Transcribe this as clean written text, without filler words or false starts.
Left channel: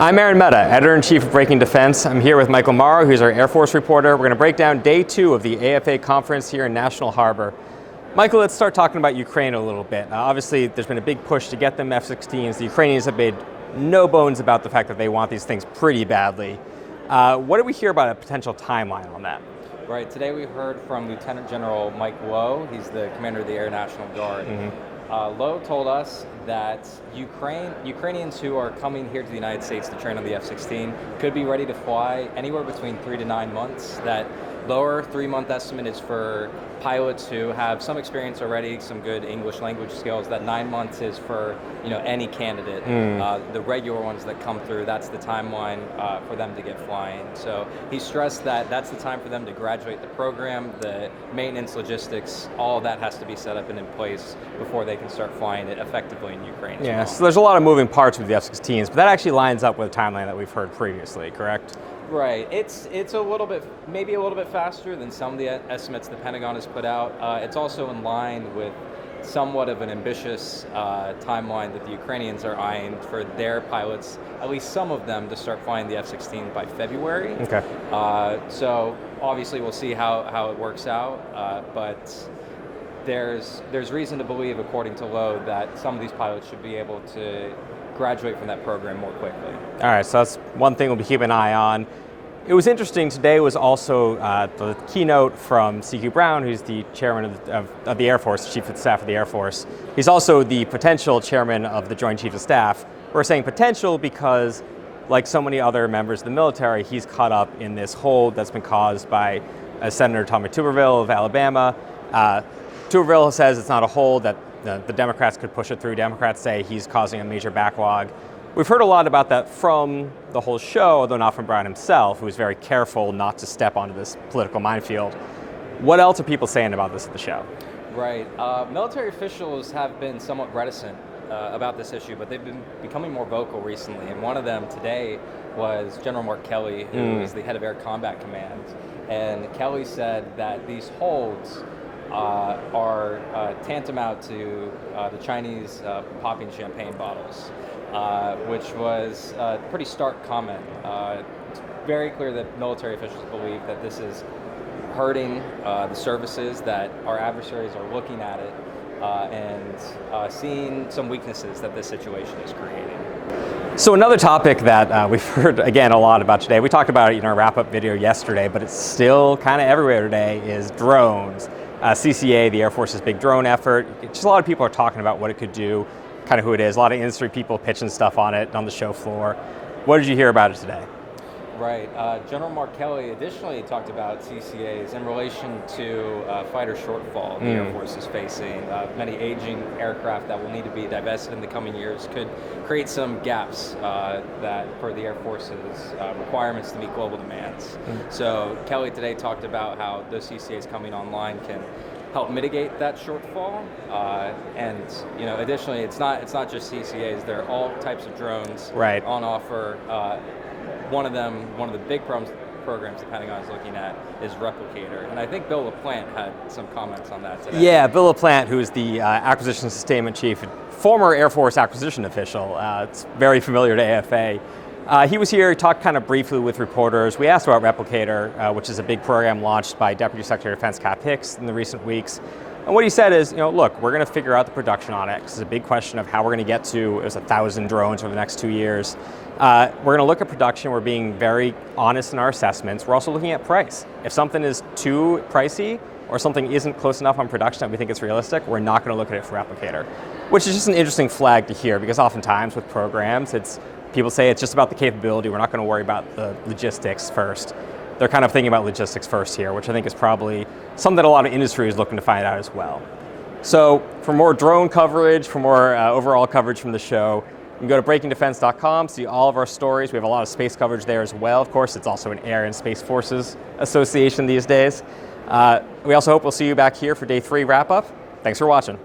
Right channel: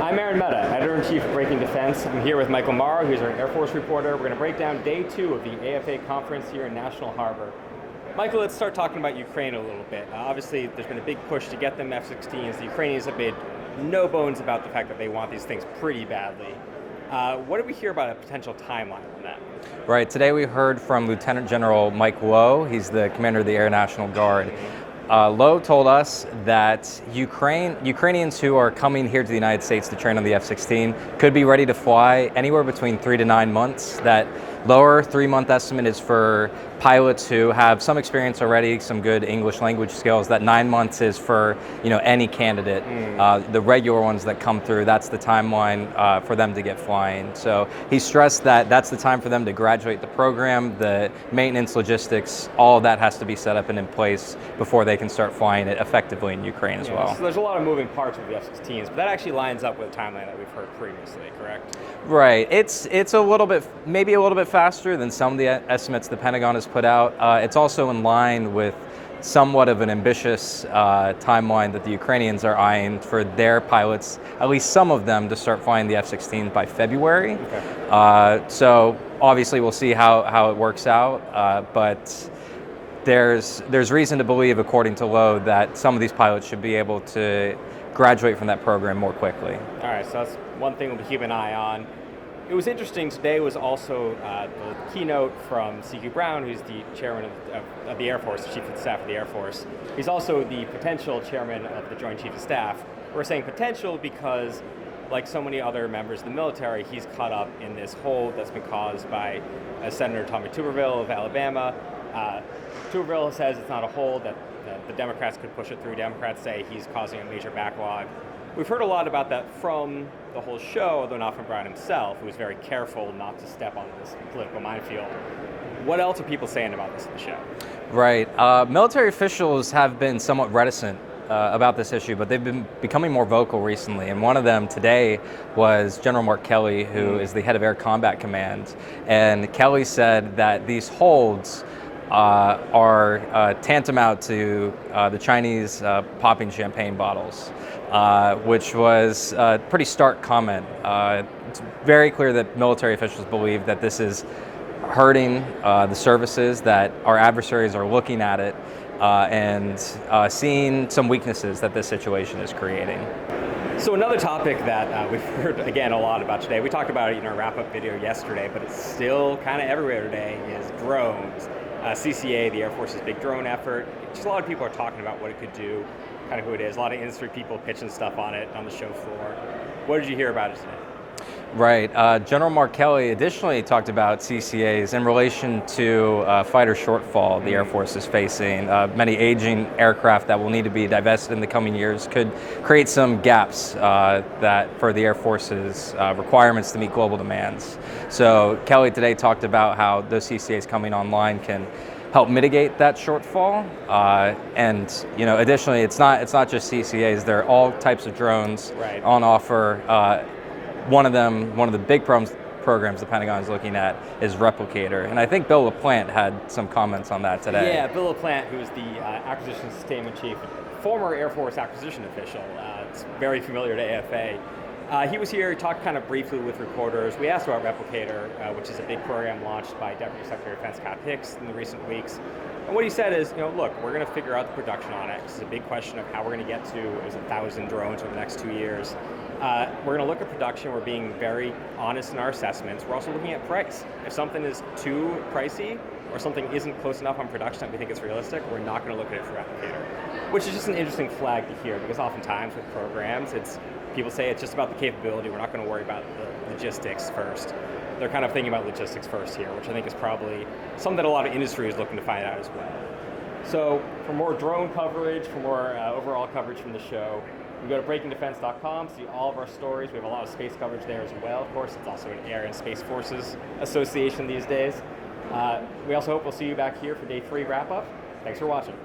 I'm Mehta, Editor-in-Chief of Breaking Defense. I'm here with Michael Marrow, who's our Air Force reporter. We're going to break down day 2 of the AFA conference here in National Harbor. Michael, let's start talking about Ukraine a little bit. Obviously, there's been a big push to get them F-16s. The Ukrainians have made no bones about the fact that they want these things pretty badly. What do we hear about a potential timeline on that? Right, today we heard from Lieutenant General Mike Lowe. He's the commander of the Air National Guard. Lowe told us that Ukrainians who are coming here to the United States to train on the F-16 could be ready to fly anywhere between 3 to 9 months. That lower 3-month estimate is for pilots who have some experience already, some good English language skills. That 9 months is for any candidate. The regular ones that come through, that's the timeline for them to get flying. So he stressed that that's the time for them to graduate the program, the maintenance, logistics, all of that has to be set up and in place before they can start flying it effectively in Ukraine as well. So there's a lot of moving parts with the F-16s, but that actually lines up with the timeline that we've heard previously, correct? Right. It's a little bit, maybe a little bit faster than some of the estimates the Pentagon has put out. It's also in line with somewhat of an ambitious timeline that the Ukrainians are eyeing for their pilots, at least some of them, to start flying the F-16 by February. Okay. So obviously we'll see how it works out, but there's reason to believe, according to Lowe, that some of these pilots should be able to graduate from that program more quickly. All right, so that's one thing we'll be keeping an eye on. It was interesting, today was also the keynote from C.Q. Brown, who's the chairman of the Air Force, the Chief of Staff of the Air Force. He's also the potential chairman of the Joint Chiefs of Staff. We're saying potential because, like so many other members of the military, he's caught up in this hold that's been caused by Senator Tommy Tuberville of Alabama. Tuberville says it's not a hold, that the Democrats could push it through. Democrats say he's causing a major backlog. We've heard a lot about that from the whole show, although not from Brown himself, who's very careful not to step onto this political minefield. What else are people saying about this at the show? Right. Military officials have been somewhat reticent about this issue, but they've been becoming more vocal recently. And one of them today was General Mark Kelly, who is the head of Air Combat Command. And Kelly said that these holds are tantamount to the Chinese popping champagne bottles, which was a pretty stark comment. It's very clear that military officials believe that this is hurting the services, that our adversaries are looking at it and seeing some weaknesses that this situation is creating. So another topic that we've heard, again, a lot about today, we talked about it in our wrap-up video yesterday, but it's still kind of everywhere today, is drones. CCA, the Air Force's big drone effort. Just a lot of people are talking about what it could do, kind of who it is. A lot of industry people pitching stuff on it on the show floor. What did you hear about it today? Right. General Mark Kelly additionally talked about CCAs in relation to fighter shortfall the Air Force is facing. Many aging aircraft that will need to be divested in the coming years could create some gaps that for the Air Force's requirements to meet global demands. So Kelly today talked about how those CCAs coming online can help mitigate that shortfall. And additionally, it's not just CCAs. There are all types of drones on offer. One of the big programs the Pentagon is looking at is Replicator. And I think Bill LaPlante had some comments on that today. Yeah, Bill LaPlante, who is the Acquisition Sustainment Chief, former Air Force acquisition official. It's very familiar to AFA. He was here, talked kind of briefly with reporters. We asked about Replicator, which is a big program launched by Deputy Secretary of Defense Cap Hicks in the recent weeks. And what he said is, look, we're going to figure out the production on it. It's a big question of how we're going to get to 1,000 drones over the next 2 years. We're going to look at production. We're being very honest in our assessments. We're also looking at price. If something is too pricey or something isn't close enough on production that we think it's realistic, we're not going to look at it for Replicator, which is just an interesting flag to hear, because oftentimes with programs, people say it's just about the capability. We're not going to worry about the logistics first. They're kind of thinking about logistics first here, which I think is probably something that a lot of industry is looking to find out as well. So for more drone coverage, for more overall coverage from the show, you can go to breakingdefense.com, see all of our stories. We have a lot of space coverage there as well. Of course, it's also an Air and Space Forces association these days. We also hope we'll see you back here for day 3 wrap-up. Thanks for watching.